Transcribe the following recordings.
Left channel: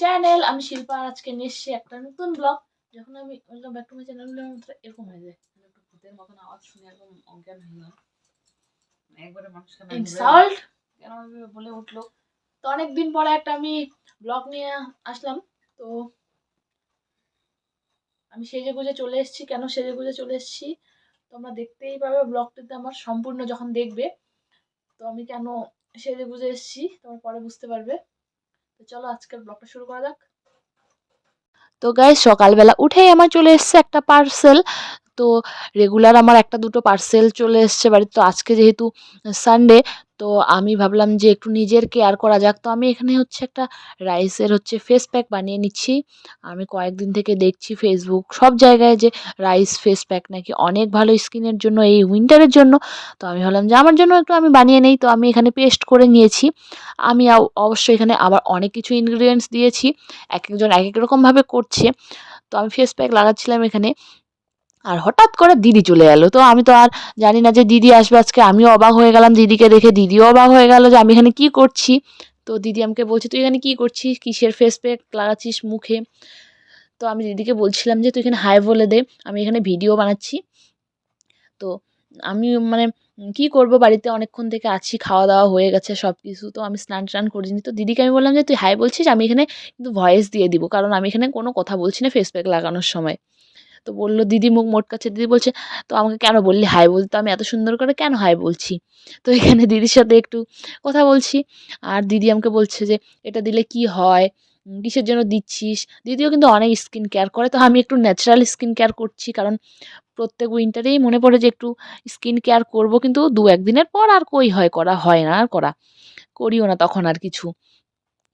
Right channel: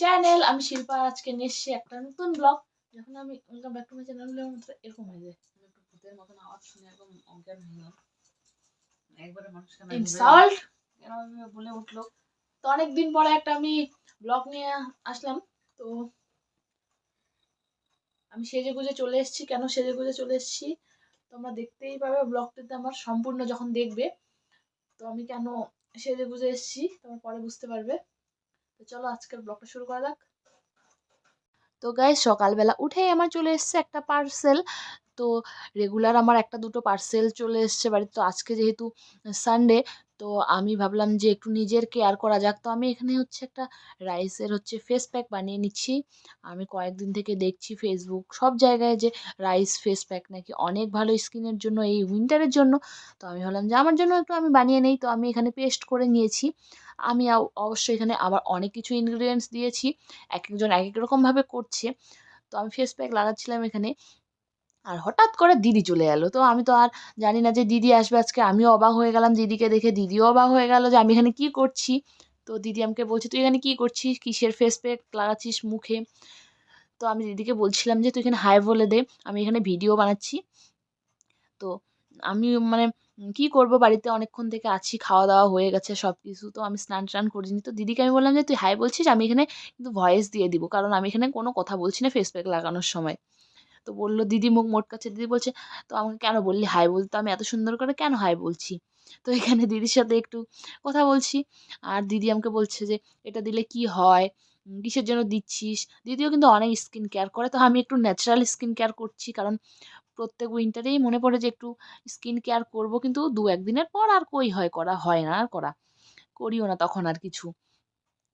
Channel. আমি শিল্পা, আর আজকে নিয়ে এসেছি একটা নতুন ব্লগ। যখন আমি welcome back to my channel বলে আমার এরকম হয়ে যায়, একটু ভূতের মতন আওয়াজ শুনে একদম অজ্ঞান হয়ে গেল, একবারে মানুষকে ইনসাল্ট কেন বলে উঠলো। তো অনেকদিন পরে একটা আমি ব্লগ নিয়ে আসলাম। তো আমি সেজে গুজে চলে এসেছি। কেন সেজে গুজে চলে এসেছি তোমরা দেখতেই পাবে ব্লগটিতে আমার সম্পূর্ণ যখন দেখবে। তো আমি কেন সেজে গুজে এসেছি তোমরা পরে বুঝতে পারবে। তো চলো আজকের ব্লগটা শুরু করা যাক। তো গাইস, সকালবেলা উঠেই আমার চলে এসছে একটা পার্সেল। তো রেগুলার আমার একটা দুটো পার্সেল চলে এসছে বাড়িতে। তো আজকে যেহেতু সানডে, তো আমি ভাবলাম যে একটু নিজের কেয়ার করা যাক। তো আমি এখানে হচ্ছে একটা রাইসের ফেস প্যাক বানিয়ে নিচ্ছি। আমি কয়েকদিন থেকে দেখছি ফেসবুক সব জায়গায় যে রাইস ফেস প্যাক নাকি অনেক ভালো স্কিনের জন্য, এই উইন্টারের জন্য। তো আমি ভাবলাম যে আমার জন্য একটু আমি বানিয়ে নেই। তো আমি এখানে পেস্ট করে নিয়েছি। আমি অবশ্যই এখানে আবার অনেক কিছু ইনগ্রিডিয়েন্টস দিয়েছি, এক একজন এক এক রকমভাবে করছে। তো আমি ফেস প্যাক লাগাচ্ছিলাম এখানে, আর হঠাৎ করে দিদি চলে এলো। তো আমি তো আর জানি না যে দিদি আসবে আজকে। আমিও অবাক হয়ে গেলাম দিদিকে দেখে, দিদিও অবাক হয়ে গেল যে আমি এখানে কি করছি। তো দিদি আমাকে বলছে, তুই এখানে কি করছিস, কিসের ফেস প্যাক লাগাচ্ছিস মুখে? তো আমি দিদিকে বলছিলাম যে তুই এখানে হাই বলে দে, আমি এখানে ভিডিও বানাচ্ছি। তো আমি কি করব, বাড়িতে অনেকক্ষণ থেকে আছি, খাওয়া দাওয়া হয়ে গেছে সব কিছু। তো আমি স্নান টান করিনি। তো দিদিকে আমি বললাম যে তুই হাই বলছিস, আমি এখানে কিন্তু ভয়েস দিয়ে দিব, কারণ আমি এখানে কোনো কথা বলছি না ফেস প্যাক লাগানোর সময়। তো বলল, দিদি মুখ মোটকাচ্ছে। দিদি বলছে, তো আমাকে কেন বললি হাই বলতে, আমি এত সুন্দর করে কেন হাই বলছি? তো এখানে দিদির সাথে একটু কথা বলছি। আর দিদি আমাকে বলছে যে এটা দিলে কি হয়, কিসের জন্য দিচ্ছিস। দিদিও কিন্তু অনেক স্কিন কেয়ার করে। তো আমি একটু ন্যাচারাল স্কিন কেয়ার করছি, কারণ প্রত্যেক উইন্টারেই মনে পড়ে যে একটু স্কিন কেয়ার করব, কিন্তু দু একদিনের পর আর কই হয় করা, হয় না আর করা, করিও না তখন আর কিছু।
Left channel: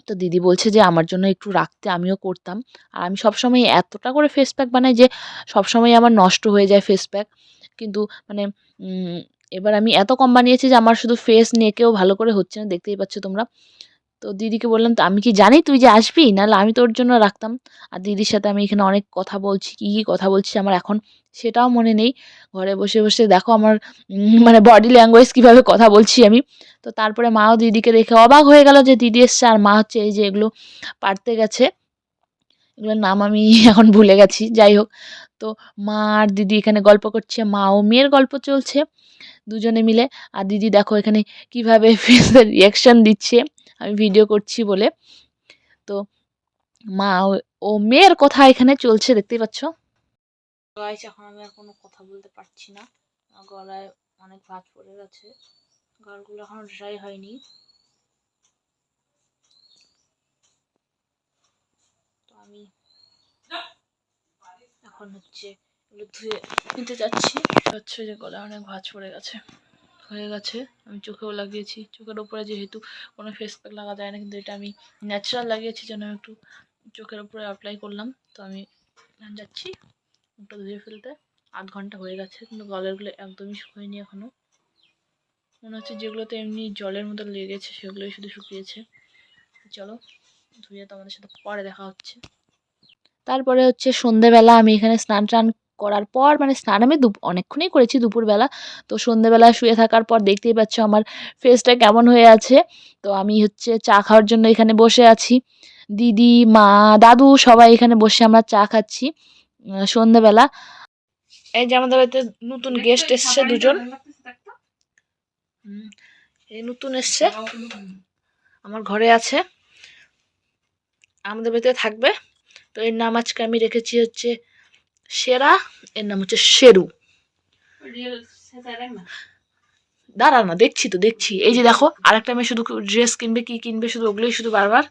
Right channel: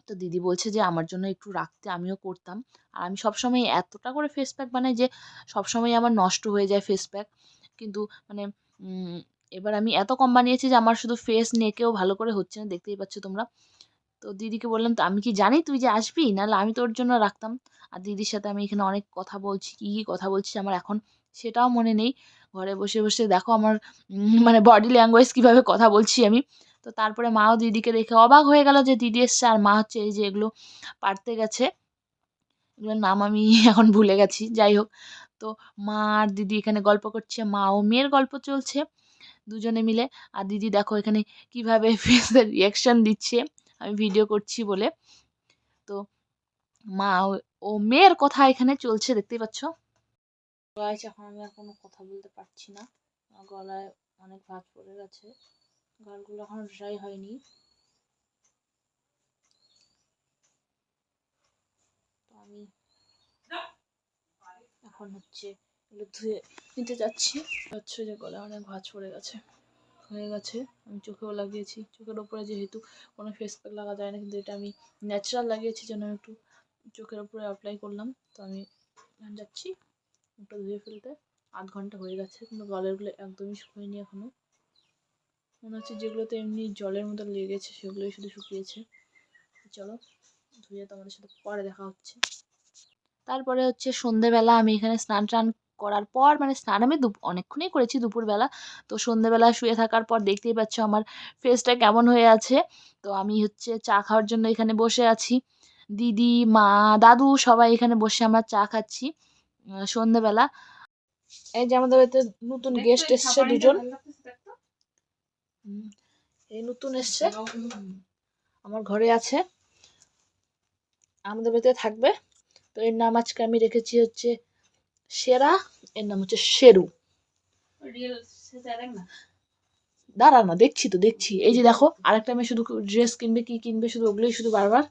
তো দিদি বলছে যে আমার জন্য একটু রাখতে, আমিও করতাম। আর আমি সবসময় এতটা করে ফেস প্যাক বানাই যে সবসময় আমার নষ্ট হয়ে যায় ফেস প্যাক। কিন্তু মানে উম, এবার আমি এত কম বানিয়েছি যে আমার শুধু ফেস নেকেও ভালো করে হচ্ছে না, দেখতেই পাচ্ছ তোমরা। তো দিদিকে বললাম, তো আমি কি জানি তুই যে আসবি, নাহলে আমি তোর জন্য রাখতাম। আর দিদির সাথে আমি এখানে অনেক কথা বলছি, কী কী কথা বলছি আমার এখন সেটাও মনে নেই। ঘরে বসে বসে দেখো আমার বডি ল্যাঙ্গুয়েজ কীভাবে কথা বলছি আমি। তো তারপরে মাও দিদিকে দেখে অবাক হয়ে গেল যে দিদি এসছে, আর মা হচ্ছে এই যে এগুলো পারতে গেছে। এগুলোর নাম আমি এখন ভুলে গেছি, যাই হোক। তো মা আর দিদি এখানে গল্প করছে, মা ও মেয়ের গল্প চলছে দুজনে মিলে। আর দিদি দেখো এখানে কিভাবে ফেসের রিয়াকশন দিচ্ছে আমি ভিডিও করছি বলে। তো মা ও মেয়ের কথা এখানে চলছে, দেখতেই পাচ্ছ। গাইস, এখন আমি আর কোনো কথা বলতে পারছি না, গলায় অনেক ভাঁজ পড়ে গেছে, গালগুলো এখনো ড্রাই হয়নি। তো আমি এখন এগুলো ধুয়ে নিতে যাচ্ছি। যে গলায় অনেক ভাঁজ পড়ে গেছে, হয়ে গেছে। আমি চোখেও লাগিয়েছি, চোখের উপরে যেহেতু কোনো ফেস প্যাক লাগা যায় না, কিন্তু এটা আমি ন্যাচারাল লাগিয়েছি যেন একটু চোখের উপরে অ্যাপ্লাই করলাম। তো আমি যাচ্ছি মুখটা ধুয়ে ফেলতে। 8 ঘন্টা হয়ে গেছে, কিন্তু গলারগুলো একদমই শুকোয়নি এখনও। মনে হচ্ছে যেগুলোতে এমনি জলের মতো লেগেছে সেগুলোই শুধু শুকিয়েছে। চলো ধুয়ে তোমাদের সাথে পরে দেখা হচ্ছে। তারপরে সন্ধেবেলা আমি এখানে স্নান টান করার পর, স্নান আমি অনেকক্ষণই করেছি দুপুরবেলা। তো সন্ধেবেলা শুয়ে থাকার পর দেখতেই পাচ্ছ আমার ফেসটা কেমন হয়ে আছে। তো আমি চা খাওয়ার জন্য এখানে বসে আছি। দিদি, মা, দাদু সবাই এখানে বসে আমরা চা খাচ্ছি সন্ধেবেলা। এই যে আমাদের বাড়িতে নতুন গেস্ট এসছে দুজন। এই নতুন এসছে, আমার ঘরে আছে, আমাদের বাড়িতে থাকবে। তো এর নাম আজকে আমি রেখেছি সেরা, এর নাম শেরু। দাঁড়া না, দেখছি। এই যে দেখো, আরেকটা মেয়ে শুধু ড্রেস কিনবে, কি কিনবে শুধু ওগুলোই শুধু বারবার,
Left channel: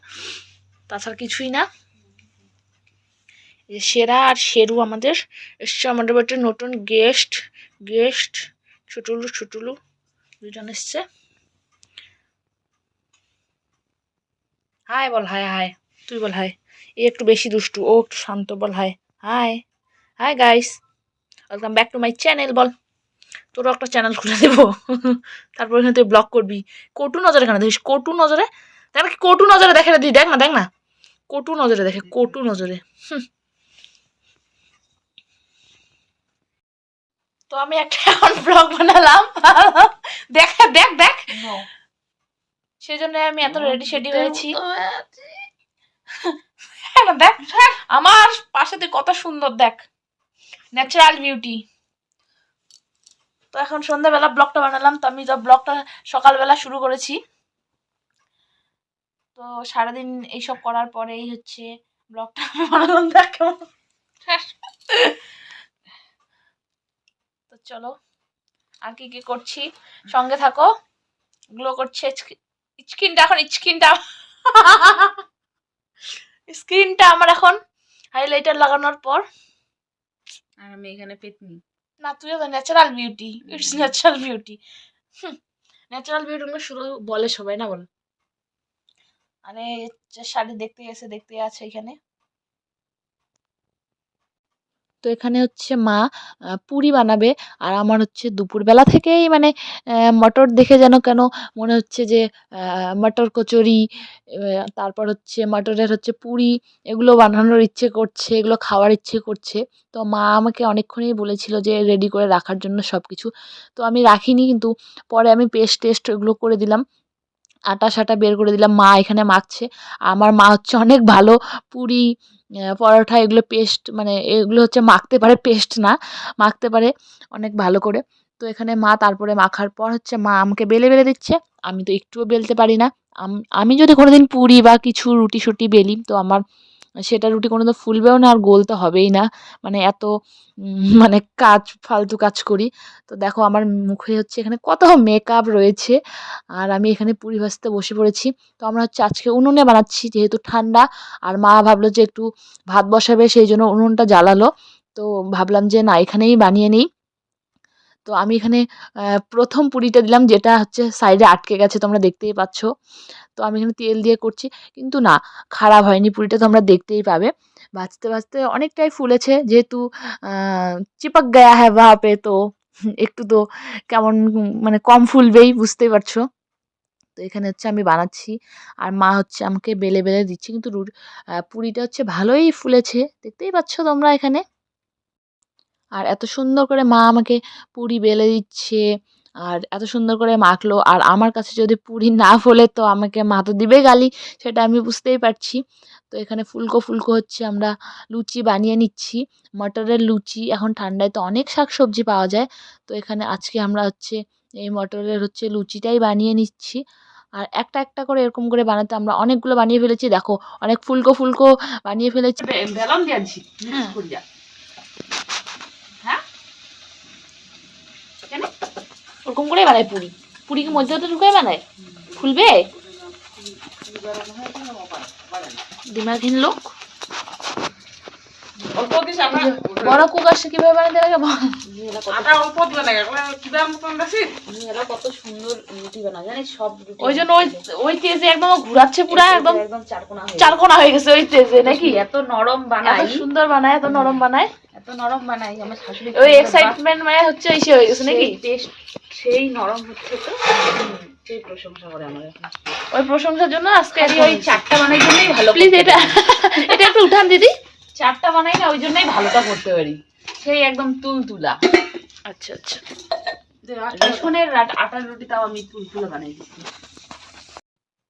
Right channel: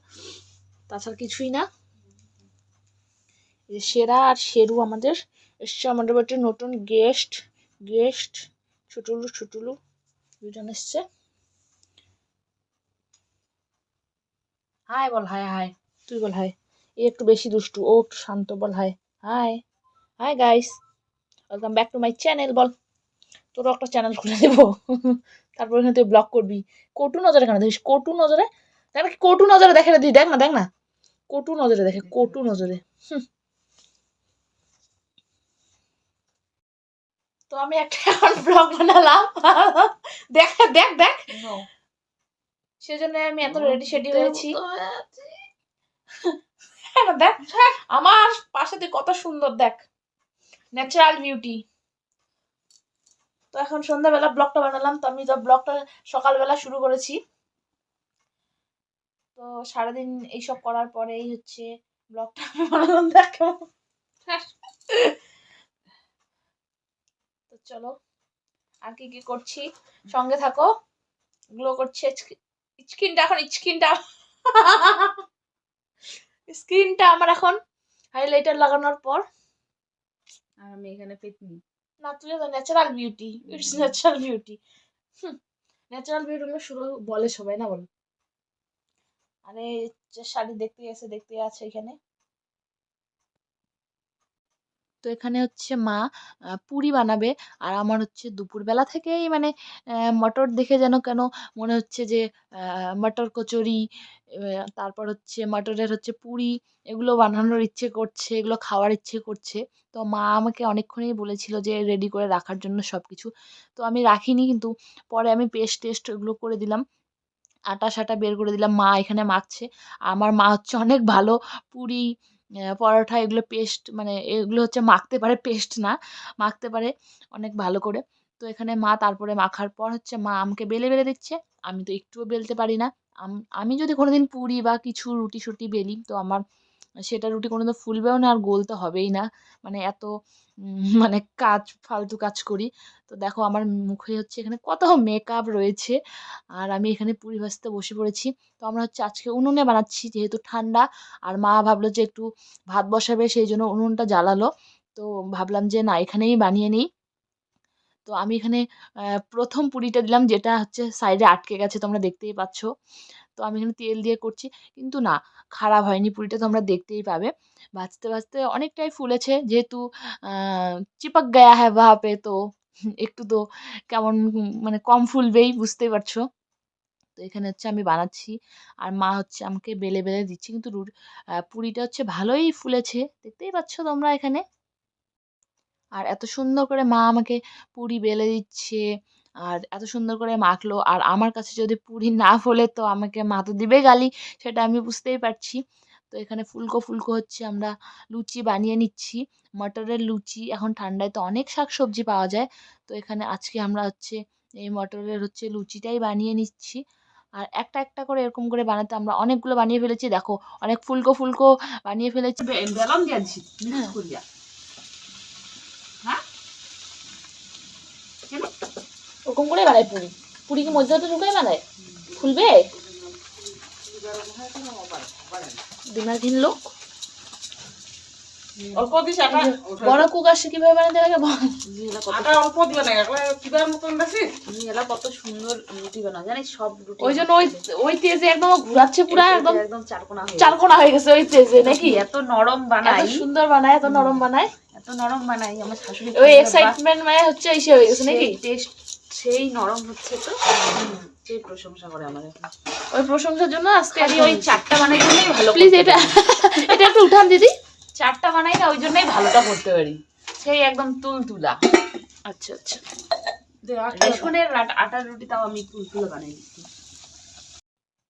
তাছাড়া কিছুই না। এই যে সেরা আর শেরু আমাদের এসছে, আমাদের বাড়িতে নতুন গেস্ট ছোটুলু দুজন এসছে। হাই বল, হাই তুই বল হাই। এ একটু বেশি দুষ্টু, ও একটু শান্ত, বল hi. Hi guys, welcome back to my channel. বল, তোরও একটা চ্যানেল খুলে দেবো, তারপর এখানে তুই ব্লগ করবি। কটু নজরে কেন দেখিস, কটু নজরে দেখ না, কটু নজরে দেখে দিই, দেখ না কটু নজরে দেখে, কটু নজরে। তো আমি একটা এখন ব্লগ বানালাম, দেখ সেজন্য আমি এত রেডি হয়েছি। দেখ আমার পাশে তুই কত সুন্দর, দেখ ন্যাচারাল বিউটি। তো এখন সন্ধ্যাবেলা ব্লগটা বানালাম। তো আমি তো ব্লগটা সকালবেলা শুরু করেছি, তো সারাদিন এইসব করার পরেই হচ্ছে ব্লগটা বানালাম। দেখ কেমন। তো চলো আর কি কি করছি সঙ্গে থাকো। গ্লো করছে স্কিনটা, এখন স্কিনটা আমার এখন হাইলাইটার লাগানোর পর। আর আমি এখানে পেতনি না, তুইও তো natural beauty, it's natural beauty. Natural beauty শুধু বলে সবাই, না বল। আরে শাড়ি দেখতে আছে এখানে। তো এখানে হচ্ছে মা পুরি বানাবে। আর আমার হচ্ছে দুপুরবেলা থেকেই মানে মটর দেখে যেন কেন মনে হচ্ছে যে মটর কচুরি, তারপর হচ্ছে মটরের হচ্ছে পুরি, এগুলো বানানোর ইচ্ছে করছে, এগুলো খাওয়ার ইচ্ছে করছে। তো মা আমাকে অনেকক্ষণই বলেছিল যে রেডি করে রাখার জন্য সব কিছু। তো আমি রাখিনি, কিন্তু পরে আমি টেস্ট এগুলো করে দিলাম, আটা সাটা বের করে দিলাম। মা এখানে মাখছে। আমার মা হচ্ছে অনেক ভালো পুরি, পরোটা এগুলো পেস্ট, মানে এগুলো হচ্ছে মাখতে পারে, পেস্ট না, মাখতে পারে অনেক ভালো করে। তো এখানে মা তারপরে মাখার পর হচ্ছে মা আমাকে বেলে দিচ্ছে। আমি তো একটুও বেলতে পারি না। আমি যদি কোনোদিন পুরি বা কিছু রুটি শুটি বেলি, তো আমার সেটা রুটি কোনোদিন ফুলবেও না, আর গোল তো হবেই না। মানে এত মানে ফালতু কাজ করি। তো দেখো আমার মুখে হচ্ছে এখানে কত মেকআপ রয়েছে, আর আমি এখানে পুরি ভাজতে বসে পড়েছি। তো আমরা হচ্ছে আজকে উনুনে বানাচ্ছি, যেহেতু ঠান্ডা। আর মা ভাবলো যে একটু ভাত বসাবে, সেই জন্য উনুনটা জ্বালালো। তো ভাবলাম যে না, এখানেই বানিয়ে নিই। তো আমি এখানে প্রথম পুরিটা দিলাম, যেটা হচ্ছে সাইডে আটকে গেছে, তোমরা দেখতেই পাচ্ছ। তো আমি এখানে তেল দিয়ে করছি, কিন্তু না, খারাপ হয়নি পুরিটা, তোমরা দেখতেই পাবে। ভাজতে অনেকটাই ফুলেছে, যেহেতু চিপক গায়া হ্যাঁ ওয়াহা পে, তো একটু তো কেমন মানে কম ফুলবেই, বুঝতেই পারছো। তো এখানে হচ্ছে আমি বানাচ্ছি, আর মা হচ্ছে আমাকে বেলে দিচ্ছে, কিন্তু পুরিটা হচ্ছে ভালোই ফুলেছে, দেখতেই পাচ্ছ তোমরা এখানে। আর এত সুন্দর করে মা আমাকে পুরি বেলে দিচ্ছে, আর এত সুন্দর করে মাখলো। আর আমার কাছে যদি পুরি না ফোলে, তো আমাকে মা তো দিবে গালি, সেটা আমি বুঝতেই পারছি। তো এখানে ফুলকো হচ্ছে আমরা লুচি বানিয়ে নিচ্ছি, মটরের লুচি। এখন ঠান্ডায় তো অনেক শাকসবজি পাওয়া যায়, তো এখানে আজকে আমরা হচ্ছে এই মটরের হচ্ছে লুচিটাই বানিয়ে নিচ্ছি। আর একটা করে এরকম করে বানাতে আমরা অনেকগুলো বানিয়ে ফেলেছি, দেখো অনেক ফুলকো বানিয়ে ফেলেছি। বেলন দিয়েছি হ্যাঁ, কেন ওরকম করেই বানায় পুরি। পুরি কি মধ্যে ঢুকে বানায়, ফুলবে? দিমাগহীন লোক। অল্প দিস আটা, বড় কুক আসছে কিভাবে বানাতে লাগে বল। আটা অল্প দিও না, কিবার মতন বেশি এলা কত সুন্দর রুটি বানাও জানিস, সব রুটি ওই জন্য ওই তেজে একদম ঘুরাচ্ছে, পুরা একদম একদম চারকোনা হয়ে গেছে ওই তেজে, নাকি? এত নরম বানাই, এত সুন্দর বানায়, এত নরম বানায়, এত নরম বানাই। আমার শাশুড়ি ওই এক্সাইটমেন্ট মানে হচ্ছে ইসে হয়ে গেছে, নাকি? টেস্ট সেই নরম হচ্ছে, তো সেই প্রশংসা করে আমার এখন। ওই প্রশংসার জন্য আজকে ওই চারটা বানাই জন্যই ভালো। প্লিজ এটা এটা একটু উঠান দিদি। চারটা বানাই না, ওই জন্যই ভালোটা করতে পারি, সেই একদম তুলতুলা। আচ্ছা আচ্ছা, রেশনের আটার রুটি তাও আমি তুলতুলা বানাই দিচ্ছি।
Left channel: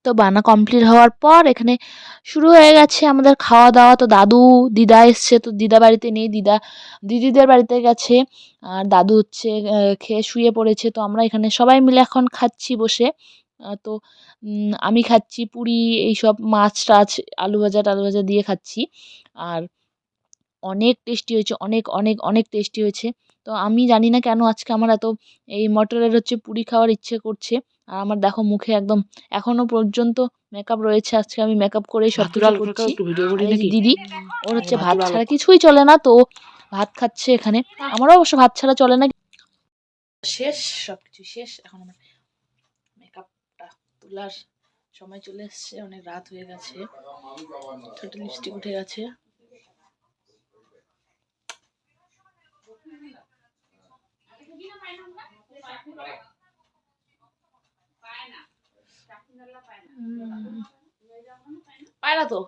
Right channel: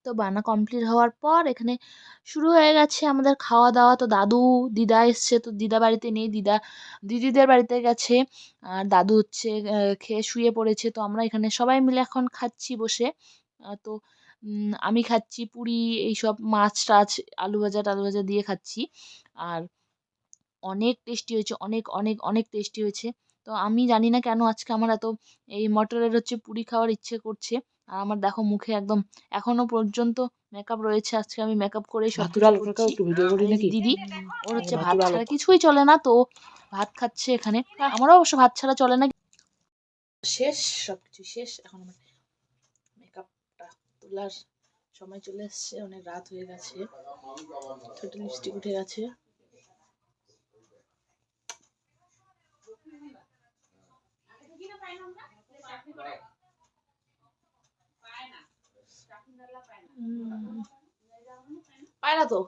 তো বানা কমপ্লিট হওয়ার পর এখানে শুরু হয়ে গেছে আমাদের খাওয়া দাওয়া। তো দিদা এসছে, তো দিদা বাড়িতে নেই, দিদিদের বাড়িতে গেছে। আর দাদু হচ্ছে খেয়ে শুয়ে পড়েছে। তো আমরা এখানে সবাই মিলে এখন খাচ্ছি বসে। তো আমি খাচ্ছি পুরি, এইসব মাছ টাছ, আলু ভাজা দিয়ে খাচ্ছি। আর অনেক টেস্টি হয়েছে, অনেক টেস্টি হয়েছে। তো আমি জানি না কেন আজকে আমার এত এই মটরের হচ্ছে পুরি খাওয়ার ইচ্ছে করছে। আর আমার দেখো মুখে একদম এখনো পর্যন্ত মেকআপ রয়েছে, আজকে আমি মেকআপ করেই সব কিছু করছি। আর এই যে দিদি, ওর হচ্ছে ভাত ছাড়া কিছুই চলে না, তো ভাত খাচ্ছে এখানে। আমারও অবশ্য ভাত ছাড়া চলে না। শেষ, সবকিছু শেষ। এখন আমার মেকআপটা তোলার সময় চলে এসছে, অনেক রাত হয়ে গেছে, ছোট লিপস্টিক উঠে গেছে। পায় না তো,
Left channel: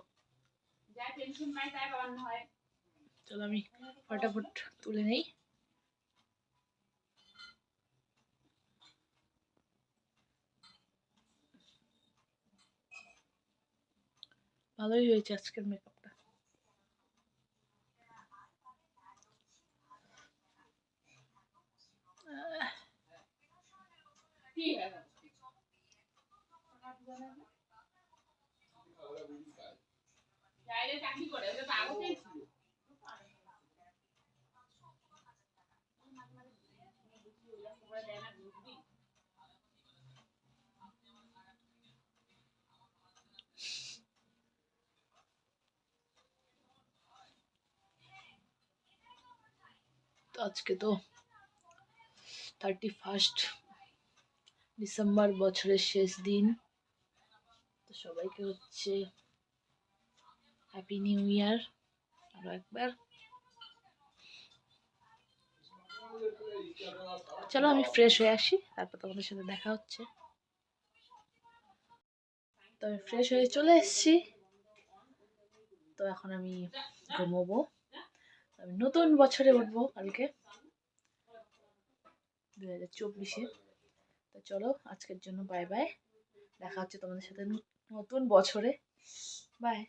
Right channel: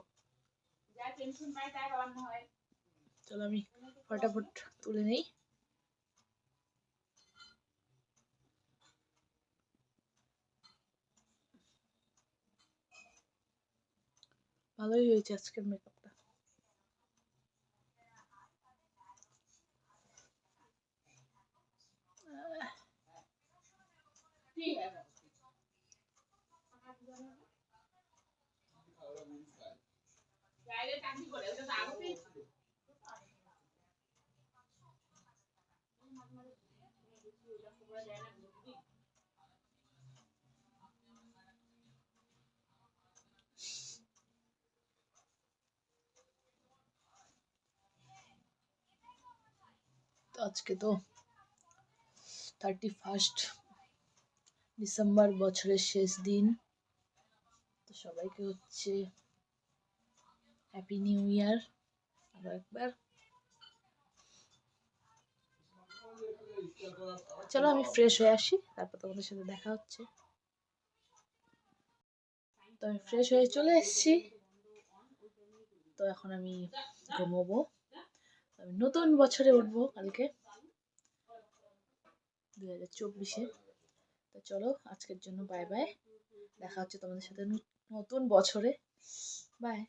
চলো আমি ফটাফট তুলে নেই। ভালোই হয়েছে আজকের মেকআপটা। তো আজকে তো 31 ডিসেম্বর, বছরের শেষ দিন। তো সবাইকে হচ্ছে হ্যাপি নিউ ইয়ার আরো একবার। চলো আমি ফ্রেশ হয়ে আসি, তারপর তোমাদের সাথে দেখা হচ্ছে। তো আমি ফ্রেশ হয়ে চলে এসেছি। তো এখন আমি ঘুমোবো। আমি নতুন বছরে উঠবো কালকে 2024-এ। তো চলো আজকের জন্য বাই বাই, দেখা হচ্ছে তোমাদের সাথে নতুন বছরে। বাই।